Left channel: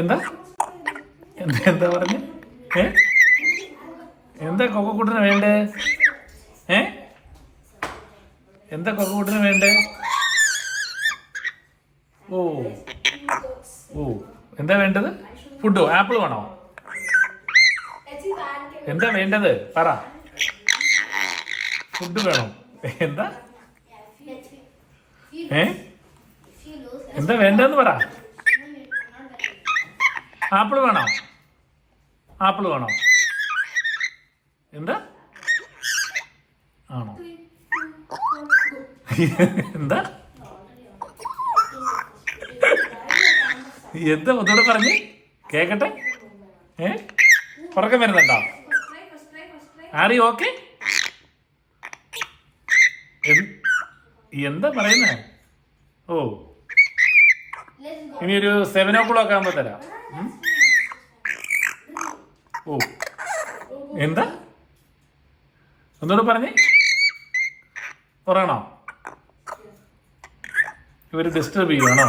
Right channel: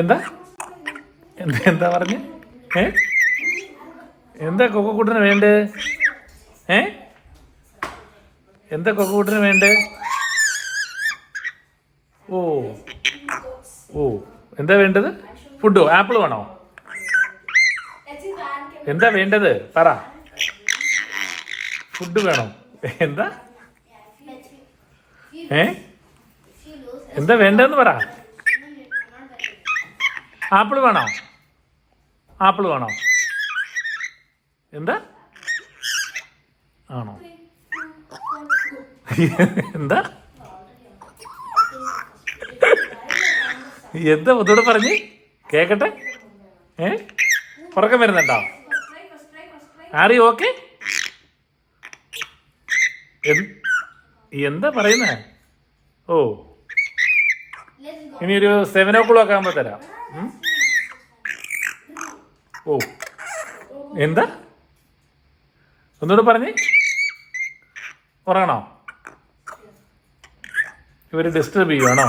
എന്താ എന്താ എന്താ പറഞ്ഞു? എന്താ കൊക്കുകൂട്ടിന് വേണ്ടേ? എന്താ കൊക്കുകൂട്ടിന് വേണ്ടേ? ഓ ഓ എന്താ വേണ്ടത്? ഫുഡോ? ആപ്പിൾ വേണോ? എന്താ വേണ്ടത്? പറ. ഫുഡ് വേണം. എന്താ എന്താ വേണ്ടെന്ന് പറ. ആപ്പിൾ വേണോ? ആപ്പിൾ വേണോ? എന്താ ആണോ? എന്താ എന്താ ഒന്നുകൂടെ പറഞ്ഞ് കേക്കട്ടെ. ഉറക്കം വരുന്നുണ്ടോ? ആറി ഓക്കെ? എന്താ പറയുന്നേ? ഓ ഇനി ഒരു 7 o'clock ആകുമ്പോ തരാം. ഓ എന്താ ഒന്നുകൂടെ പറഞ്ഞേ. പറയണോ? ഇവര് ഡിസ്റ്റർബ് ചെയ്യുവാണോ?